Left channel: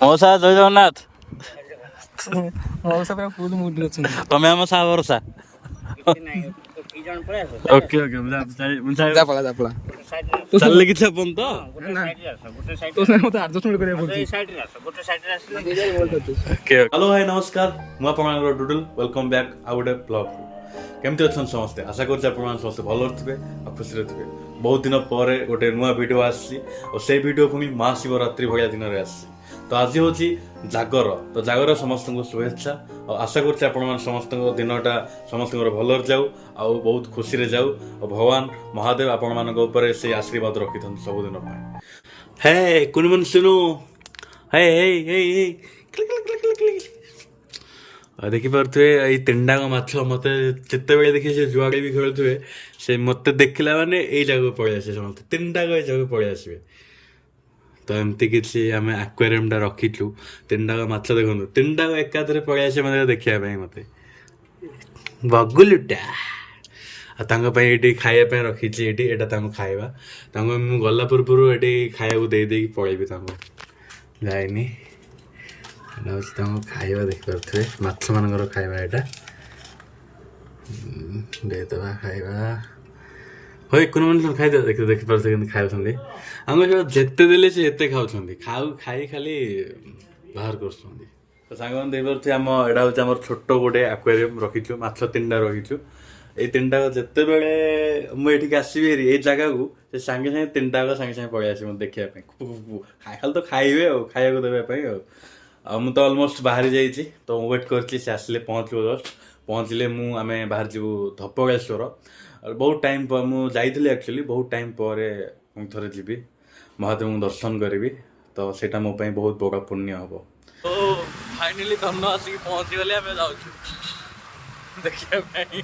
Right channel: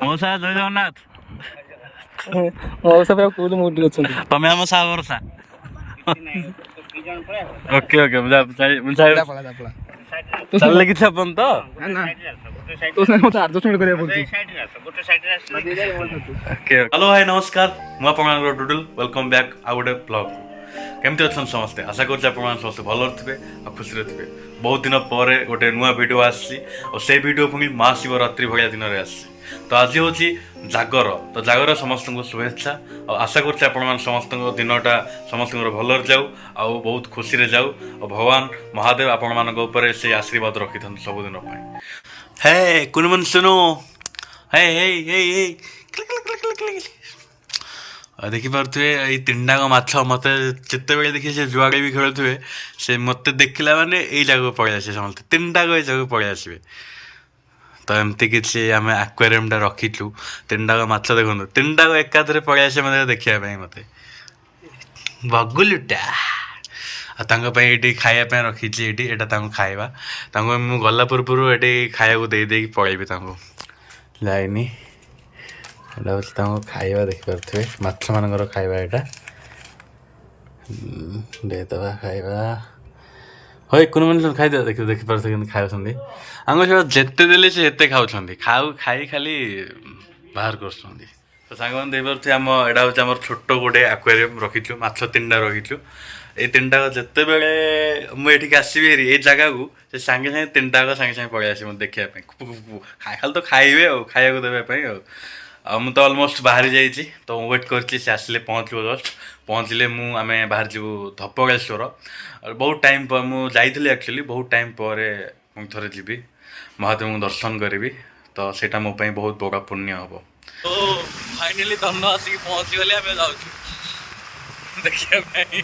ମଉସା ଜୟ ଜଗନ୍ନାଥ। ମଉସା ପୁରା ଫୁଲ ମୁଡ୍ ଅଛନ୍ତି। ତମେ ଆମ ସାହା ଭରସା। ଓକେ ଓକେ ଚାଲିଲେ କିଛି ଆପଣ ତ ହ୍ୟାଲୋ ଭାଇ ନମସ୍କାର, ମୁଁ ଆପଣଙ୍କର ଡୁଡୁଲ। ୱେଲକମ୍ ବ୍ୟାକ୍ ଆଉ ଗୋଟେ ବ୍ଲଗ୍କୁ। କେମିତି ଅଛନ୍ତି ସମସ୍ତେ? ଆଶା କରୁଛି ଆପଣମାନେ ସମସ୍ତେ ଭଲରେ ଥିବେ ଆଉ ଖୁସିରେ ଥିବେ। ବହୁତ ଦିନ ପରେ ଗୋଟେ ନୂଆ ଭିଡ଼ିଓ ଆସିଛି ଆଉ ସେଇ ଭିଡ଼ିଓ ପୁଣି ମହାଶିବରାତ୍ରି ଭଳିଆ ଦିନରେ ଆସିଛି। ତ ଆଜି ହେଉଛି ଜାଗର। ତ ଜାଗର ସମସ୍ତଙ୍କୁ ଶୁଭେଚ୍ଛା ଆଉ ଆଶା କରୁଛି ଆପଣମାନେ ସମସ୍ତଙ୍କ ଦିନଟା ସମସ୍ତଙ୍କର ଭଲରେ ଯାଉ ଆଉ ବହୁତ ଖୁସିରେ ଯାଉ ଆଉ ଭଗବାନ ମହାଦେବ ଆପଣମାନଙ୍କ ଉପରେ ସେଇ ଆଶୀର୍ବାଦ ରଖିଥାନ୍ତୁ ସବୁଦିନ ପାଇଁ। ହେ କୁନିମନ ଶୁଣୁ, ହେ ହେଇ ହେଇ ହେଇ ଦେଖିପାରୁଥିବେ ଏଇ ତିନିଟାଙ୍କ ମାଛ ମୋତେ ଯେତେବେଳେ ଦେଖି ସେ ଯୁଆଡ଼େ ବି ଖେଳୁଥିବେ ସେ ମୋତେ ଦେଖିଲା ମାନେ ଏଇ ଜାଗାକୁ ପଳେଇ ଆସିବେ ସମସ୍ତେ, ତିନିଟାକ ଏଇ ଜାଗାକୁ ପଳେଇ ଆସିବେ। ତ ଏମିତି କିଛି ଆମେ ଆକ୍ୱାରିୟମଟା ରଖିଛୁ। ତିନିଟାକ ମାଛ ଦେଖନ୍ତୁ, ତିନିଟାକ ଏକାଥରେ ପଳେଇ ଆସିବେ ମୋତେ ଦେଖିବା ପାଇଁ। ମୋତେ ବଗୁଲୁଟା ଆଉ ତାଙ୍କ ପାଇଁ ଏଇଠି ଖାଇବା ପାଇଁ ରଖିଛି। ଏଇଟା ତାଙ୍କୁ ଖାଇବା, ତାଙ୍କୁ ମୁଁ ଗଲା ପୂର୍ବରୁ ଏଠି ଖାଇବାକୁ ଦେଇକି ପଳେଇବି। ତାଙ୍କୁ ଯାଇନି, ଏଇଟା ହେଉଛି ତାଙ୍କ ଖାଇବା। ଦେଖିପାରୁଥିବେ ମାଛମାନଙ୍କର ଖାଇବା ଏଇଟା। ଦେଇଦେବା ଖାଇବା। ହଇ କୁନି ଖାଇଦେବା। ଦେଖିପାରୁଥିବେ କେମିତି ଖାଉଛନ୍ତି। ଆମ ସେଟା ଯେତେ ଦେଲେ ସେ ଏତେ ଖାଉଛନ୍ତି, ଖାଇ ଖାଲି ବାହାର କରୁଛନ୍ତି। ତ ସାଙ୍ଗମାନେ ଦେଇପାରୁଥିବେ ଏଇଟା ହେଉଛି ଆମର ଛୋଟ ଗୋଟେ ଆକ୍ୱାରିୟମ୍ ରଖିଛୁ। ମାଛ ତିନିଟା ରଖିଛୁ। ଏଇ ତିନିଟାକ ଯେତେବେଳେ ମୁଁ ଏଠିକି ଆସିବି ହେରି ଏଇ ଜାଗାକୁ, ସେ ସାଙ୍ଗେ ସାଙ୍ଗେ ତିନିଟାକ ସାଙ୍ଗେ ସାଙ୍ଗେ ପଳେଇ ଆସିବ ଦେଖିବା ପାଇଁ। ଖାଲି ତ ଖାଇବେ ଆଉ, ଖାଇବାକୁ ଦେବା ପାଇଁ ଆଉ ମୁଁ ତ ଅଲମୋଷ୍ଟ ବାହାରି ଯାଇଛି। ତ ମୁଁ ୱେଟ୍ କରିଛି ସେ ଆସିଲେ ପହଞ୍ଚିବ। ଜଷ୍ଟ ପହଞ୍ଚିଲେ ଆମେ ବାହାରି ଯିବୁ ଧବଳେଶ୍ୱର। ବହୁତ ଟାଇମ୍ ପରେ ମୁଁ ଯାଇଥିଲି ଆକ୍ଚୁଆଲି, ବହୁତ ଟାଇମ୍ ପରେ ମୁଁ ଥରେ ଯିବି, ମହାଦେବଙ୍କୁ ଦର୍ଶନ କରିବି। ତ ସେଇଟା ମୋ ପାଇଁ ବହୁତ ବଡ଼ ପୁଣ୍ୟ ହେବ। ଓ ଫାଇନାଲି ଧନ ଆସିକି ପହଞ୍ଚିଗଲେ, ଆମେ ଯାଉଛୁ ଦେଖିବା ପାଇଁ।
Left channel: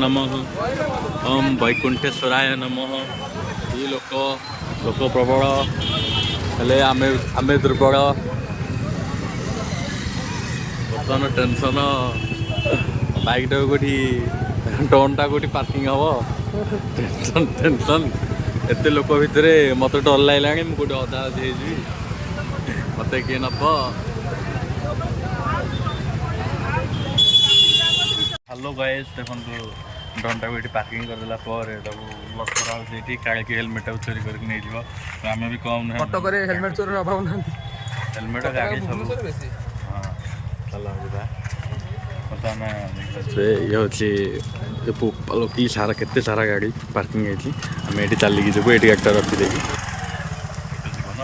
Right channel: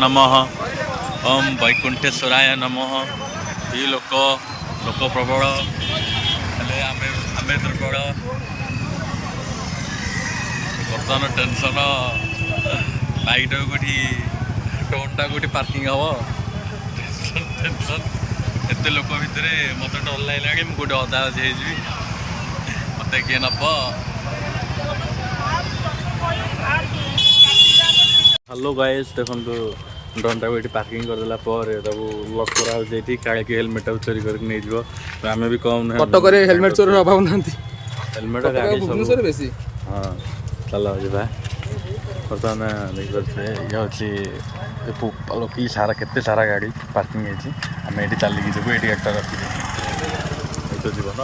नमः ओम वैकुंठेश्वराय नमः। ये लोक प्रबल हेले आमे दुर्बल। बर्तमान टेंशन बाइक कौटी टोनटा कौटी पार्किंग हम टेंशन एत लोक भितर मत डर लगे मुझे अधा अधे मत किए नब। हेलो गाइस देखो ड्रोन टाक ये पार्किंग करदेला लक कराई काले कि हेलमेट चोरी करके नहीं जीव। आम भी कम कटक हेलमेट चोरी अभाव ना हेलमेट गाड़ी सब। हाँ चल जा बर्तमान देखिए ये हूँ कि सारा केते सारा गाड़ी पार्किंग है। आम ये चलिकी जीव ये गाड़ीटा रखीदे तो जीवन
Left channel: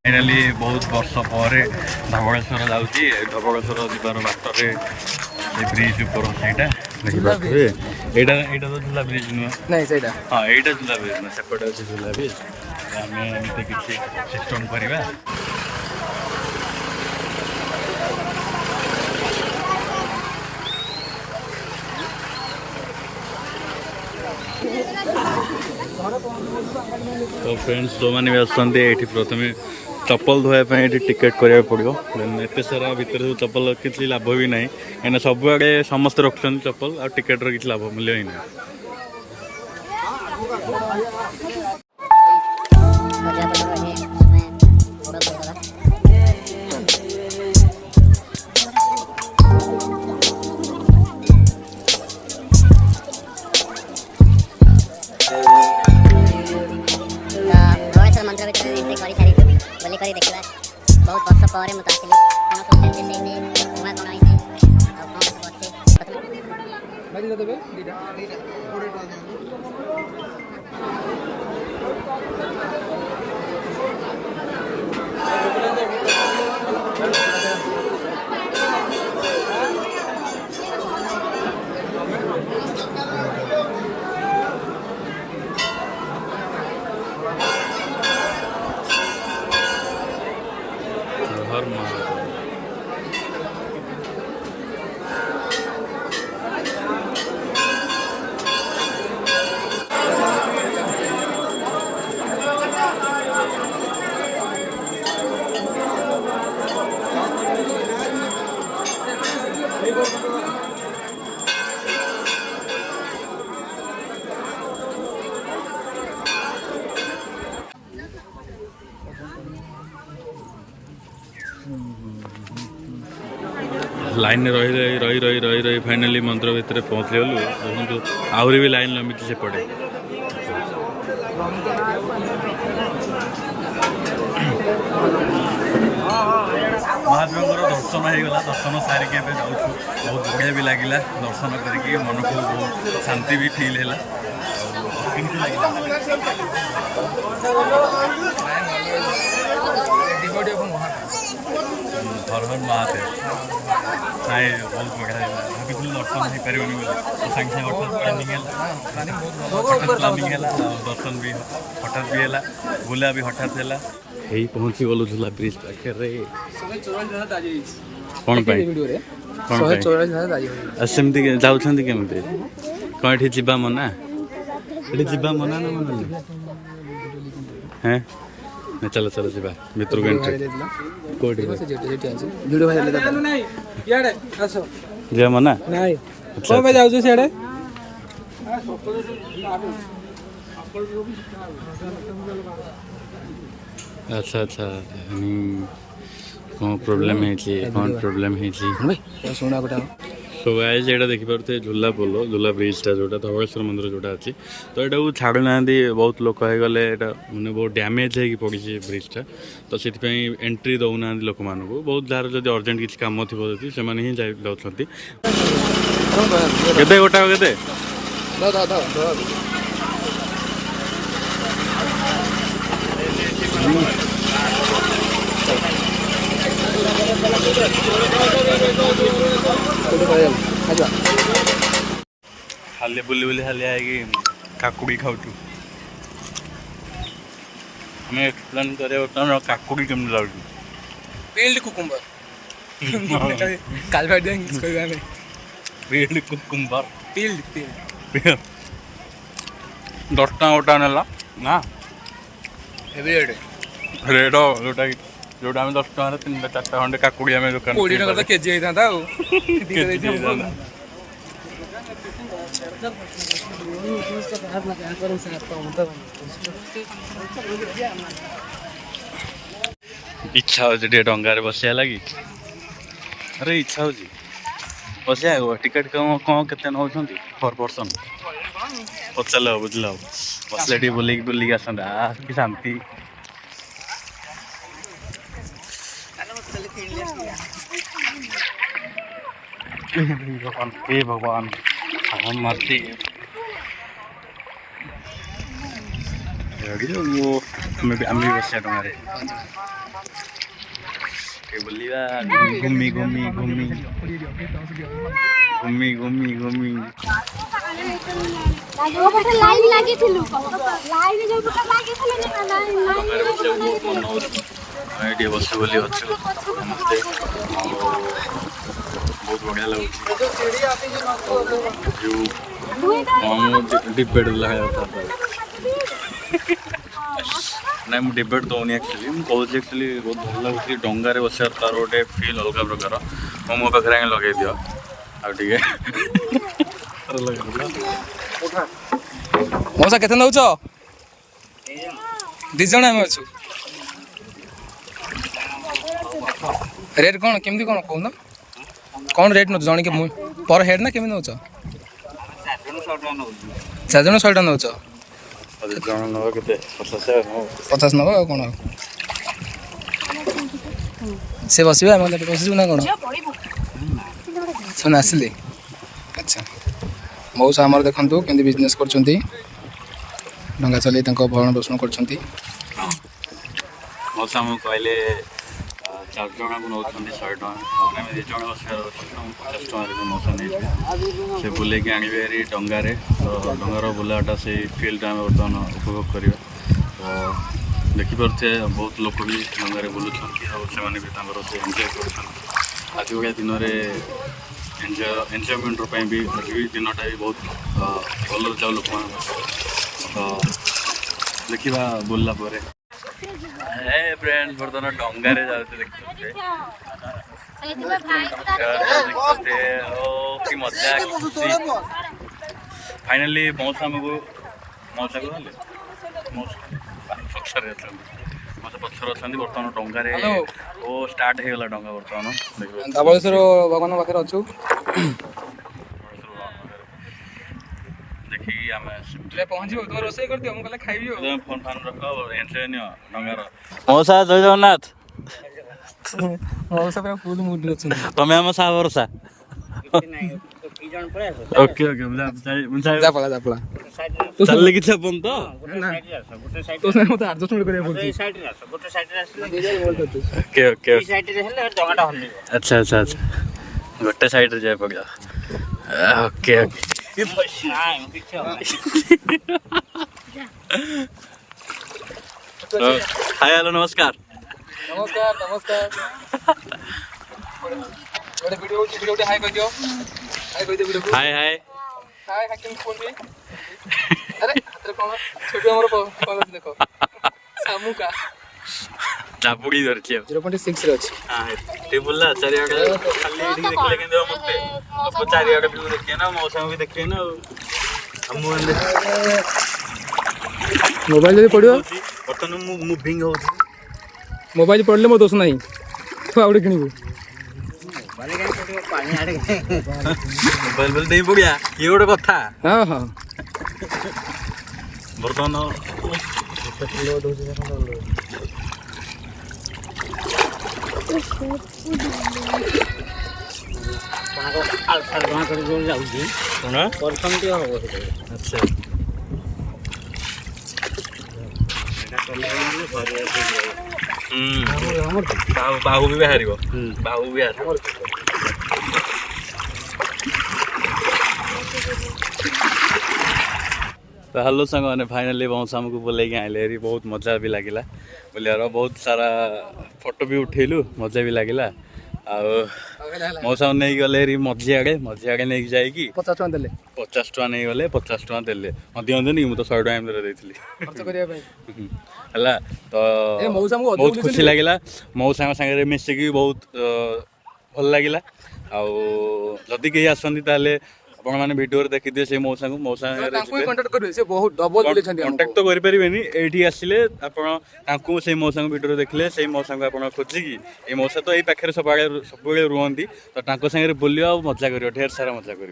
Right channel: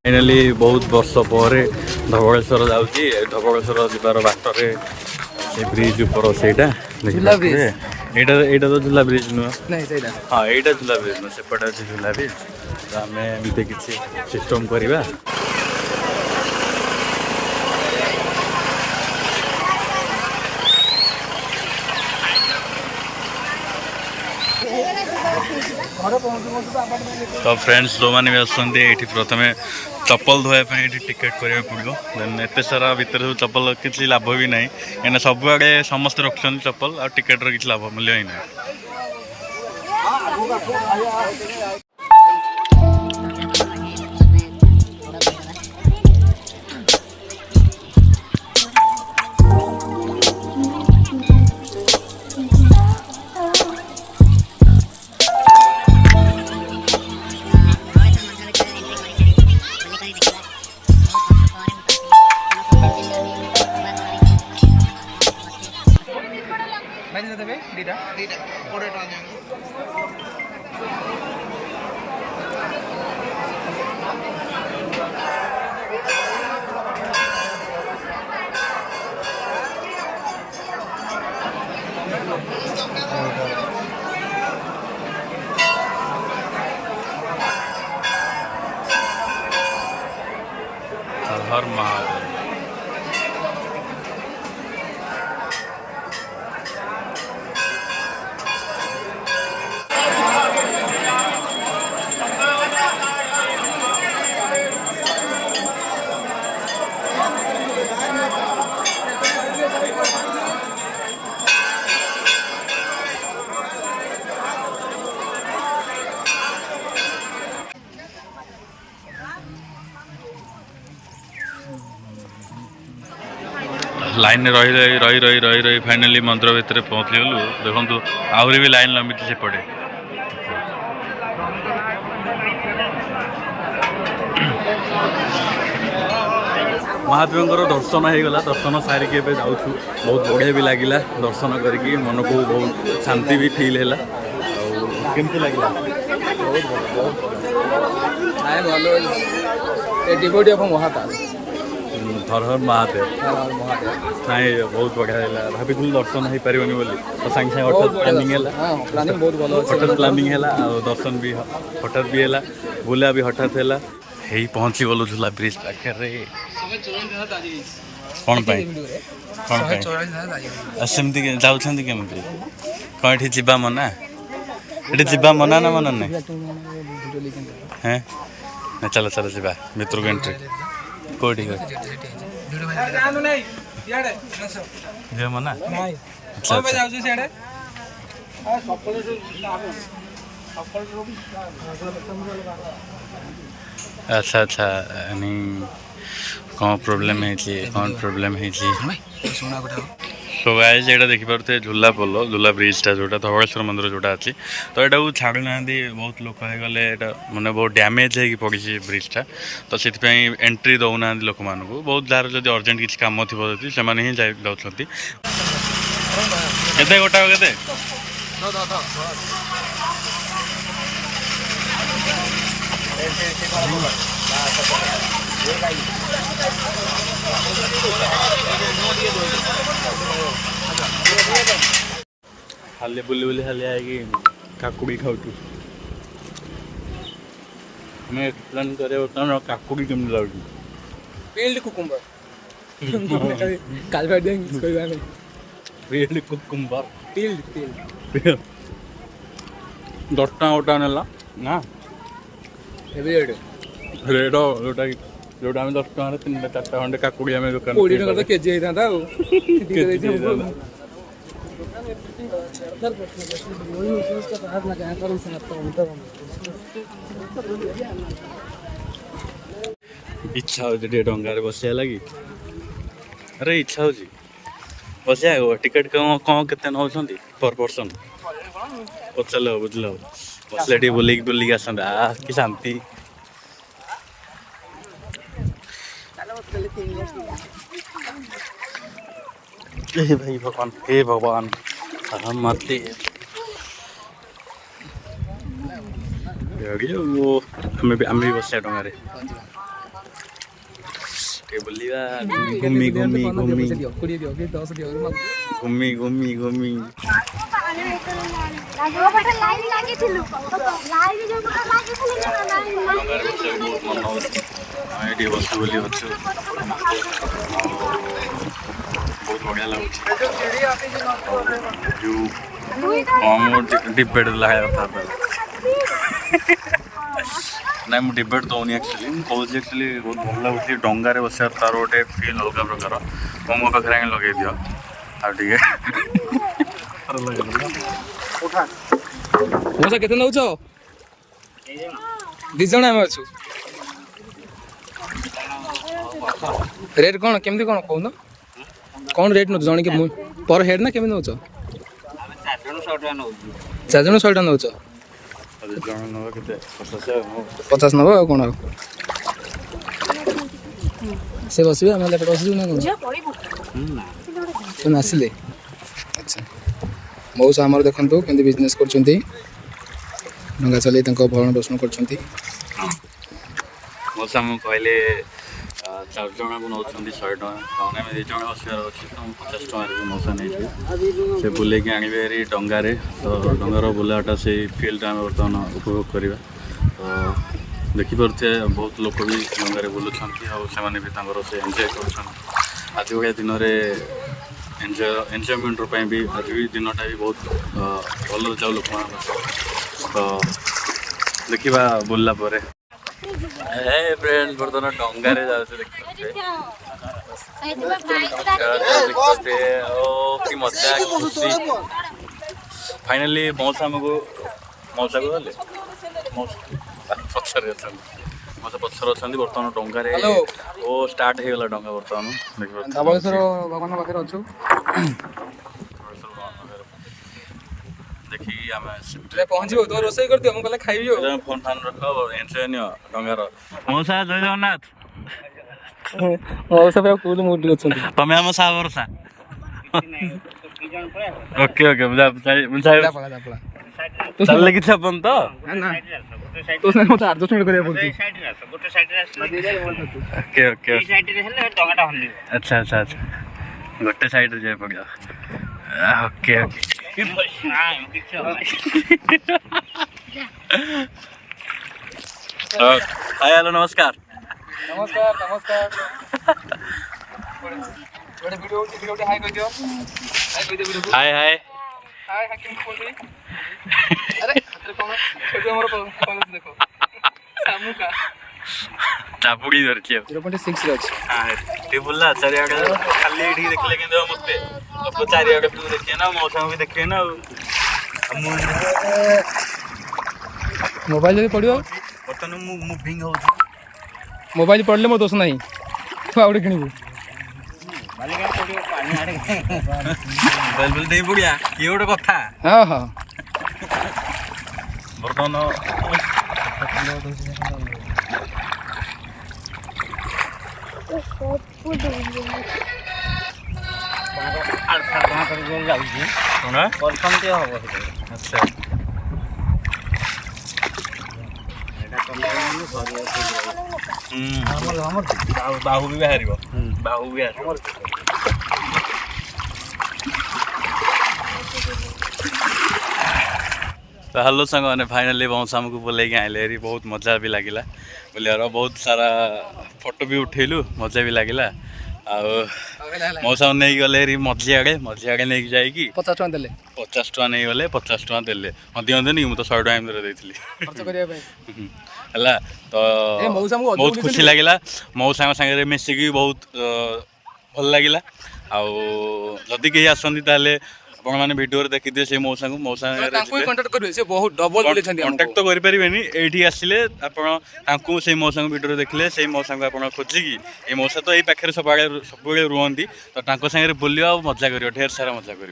फाइनाली बहुत वर्ष पर धबलेश्वर जाऊँगी। धबलेश्वर जीवार बाटर से ब्रिज ऊपर से देखिए यहाँ तो झूला ब्रिज नुह। हाँ यहाँ झूला ब्रिज नुह सेपटे अच्छे झूला ब्रिज। आम एमती किसी सिस्टम करवा। तो फ्रेंड्स जो मैंने भी आसते ये प्रथम चप्पल धोवाई टिकेट करा पड़ो। देन एत सारा भितर सब चप्पल किसी लाभ भी ना कहीं सब आड़े समस्त रखुच्च चप्पल आ टिकेटर किसी लाभ मूल्य ही ना। हर महादेव। लाइन रही रही रही रही रही रही फाइनाली मंदिर भितर पहुँची गलु। देखो आहरी भी लाइन लंबी सेपटे। महादेव दर्शन हो गला। दर्शन सारिक जाऊँ बहुत बढ़िया भी लगिला। दर्शन करके मन को बहुत शांति भी फील है। केमती लगिला? हर हर महादेव। नाई बहुत बढ़िया है। भाभी दर्शन हो पारे बोली तो सागे सागे हठात प्लानिंग है। हठात प्लानिंग है दर्शन भी हठात भी है। बुला भी हठात है। यही पहुँची गलु झूला ब्रिज पाखे। कौन कौन सेमती जाऊँगी केमती कौन ये जीवा मना ये जीवा मना ना मना नहीं हैं ना। चलो चलो जीवा भितर को एंट्री कोठी जी मना अच्छा अच्छा कौन प्रोब्लेम है कौन प्रोब्लेम है सो गाइस ये देखी पारे झूला पोल झूला ब्रिजटा जोटा धवलेश्वर मंदिर जोटा अच्छी तो यहाँ छाड़ू ना बहुत लोक हो गले मैंने बहुत डैमेज हो पड़ी ब्रिजटा तो से एंट्री दौना लोक मान बहुत जार जब अर्जेंट किसी कम थी से ही जाऊँगी केते गोटा केते खाली बुली बुली खाली आएगी काकुड़ी खाऊ हमें एक्सप्लेन करे काकुड़ी केमती लगुच पील्ड कुकुम्बर काल पील्ड कुकुम्बर पील्ड पील्ड 10 टका गोटा नेला ना एवरीडे रेट जोटा जोटा आम 10 टकर 3-4टा खंडे काकुड़ी आम दुकान 20 टका केजी होता इच्छा हो डंगार बसिया लगी अरे इच्छा हो बसिया टिकेट कौन के नौ पर पर्सन पचार बुझल बसले टे बुलिक बुलिक आसता कि शांति भगवान हे भगवान हम मरते वो आम भी बस डे बुलिया घूमी घूमी घूमी घूमी घूमी घूमी डंगार बस बहुत मन हो ये बस बोली अच्छु समस्ते बहुत बढ़िया लगुच डिबेट लगा था ना मुझे डिबेट दौनी एक्चुअली मुझे एक्चुअली बहुत भल लगुच डंगार बस तार गोटे फिल अलग प्रकार मो पाखे लगे दियो आगे मौसा केते नौच 2 जण आम अच्छु रेट कौन केमती कौन कहून कौन रेट नौ जन के पर हेड ना केमी नौ 4 जन 100 टका नौ 50 नब कौन से बसबे आम एपटे बसू ना कौन से आसिले अच्छा मौसा आमर देखु केमती बिजनेस कर डंगा चल भरण पोषण कर मौसा मुझे कहले 4 जन को नौ 100 टका आम 2 जन बसार अच्छे तो 50 टकर भी मौसा नहीं से बुले आने डंगारे तो डंगार बुलाटा से फिल्ड आम बर्तमान उपभोग करवा तो देखिपे बहुत लोक भी डंगारे बुलूँ से एंजॉय कर आज भाया दिन में एंजॉयमेंट भी आज भी दिनटा भी बहुत भल जाऊ लोक तो देखा बुलला फ्रेंड बर्तमान डंगारे जाते कि मजा फाइनाली मौसा को गले पचर मौसा पचर अच्छा बर्तमान डंगारे ओ स्टार्ट हो गला डंगा बर्तमान धबलेश्वर भगवान पाखे अच्छु देखिए आम पहुँचो तो रोसे कर दियो मुझे खाइबी फोन फान रख एंजॉय नियो डंगार मौसा जय जगन्नाथ मौसा पूरा फुल मूड अच्छे तमें आम सा भरोसा ओके ओके चल कि अपन तो मत एडजस्टमेंट ओके ओके अच्छा अच्छा अच्छा गोटे साइड रे जाय पड़ा ओके हाय हेलो नमस्कार नमस्कार नमस्कार वीडियो वीडियो हाय कह दियो हाय कह दियो वीडियो हाय हाय हाय हकीम बोल रही अरे हाथ कौन छोटू हमर कॉलेज देखो सामू का चापुड़ी धरछि 0.6 रे अछि हां ते बोलला चारियाडे खाली एडी देखले केंदो मते तो चारियाडे व्यू देखिए ना मौसम भी देखिए ना हम मोबाइल जदी पड़ियो बर्तन मूविंग हो मोबाइल पड़ले मो दोष नहीं तो आउडे किनिबो मोबाइल काय पड़ियो पानी आडे मोबाइल बोल देई पड़िया ये गोटे कथा हां हां बर्तन अच्छा बाहु भी बाहर बाहु भी तो हेलो सांग मैंने फाइनाली मौसा को बोल आइले बहुत मजा भी लगिला बोलियार बहुत सारा फोटो भी उठेलु मजा भी लगिला मौसा नहीं गले मझी आड़े नहीं जाकि 50 टका देले 50 टका नहीं गले 50 टका देले दिखते नहीं मुझे 100 टका देती है तो बहुत खुशी लगिला मौसा सागर मिसिकी बहुत भल लगिला आदि कहीं आसती आपण मैंने वीडियो देखी दिए से मौसा को मौसा कंटाक्ट तो करें ये आसिले आपको से मौसा को वीडियो देखले से मौसा को आप खोजिकी ये मौसा तो ये पाखे सब रुहती तो सागर बुलियो मजा कर ढेर सारा मजा कर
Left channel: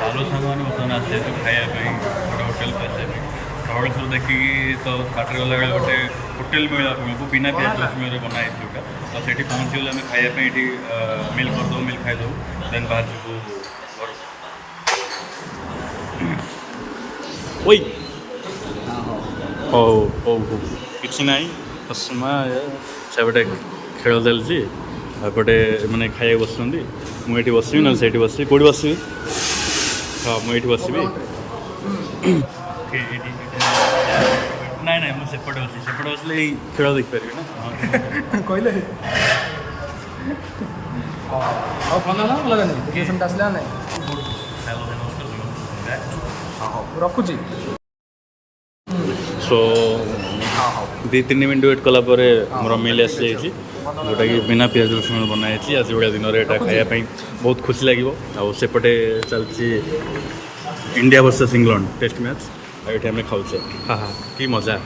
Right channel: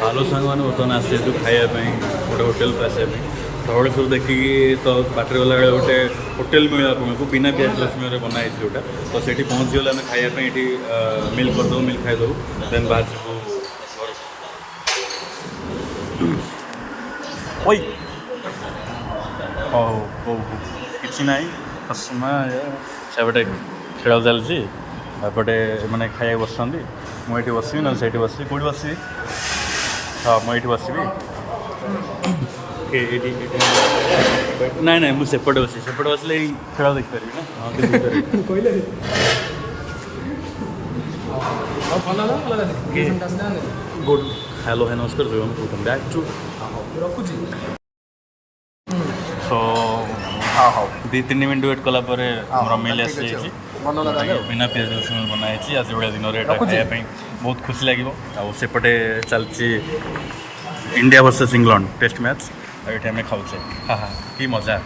बालू सांग मैंने बर्तमान आसे खायापी गोटे होटेल को आसापी धवलेश्वर देखिकी तो बाटर गला गोटे होटेल मिले आपको बिना प्याज रसुण बनाई जोटा तो से पहुँची गले खायापी ये मिल करदे मिल खाईदे देन बाहर सब ओई हो किसी ना समय से खेल चलती एपटे मैंने खाया बस मुझे बसबी ना से बस कौट बस हाँ मुझे बसबी ना ना मुझे सेपटे बसले खेल देखिपारि हेलो है नमस्कार वेलकम बैक टू रखुची सो 2-3 मिनट वेट कलापर आम मिल आसी जोटा कि बिना प्याज रसुण बनाई आज भाया दिन में खायापी बहुत खुशी लगे आउपटे चलती India versus England test match ये आम खाऊे हाँ हाँ कि मजा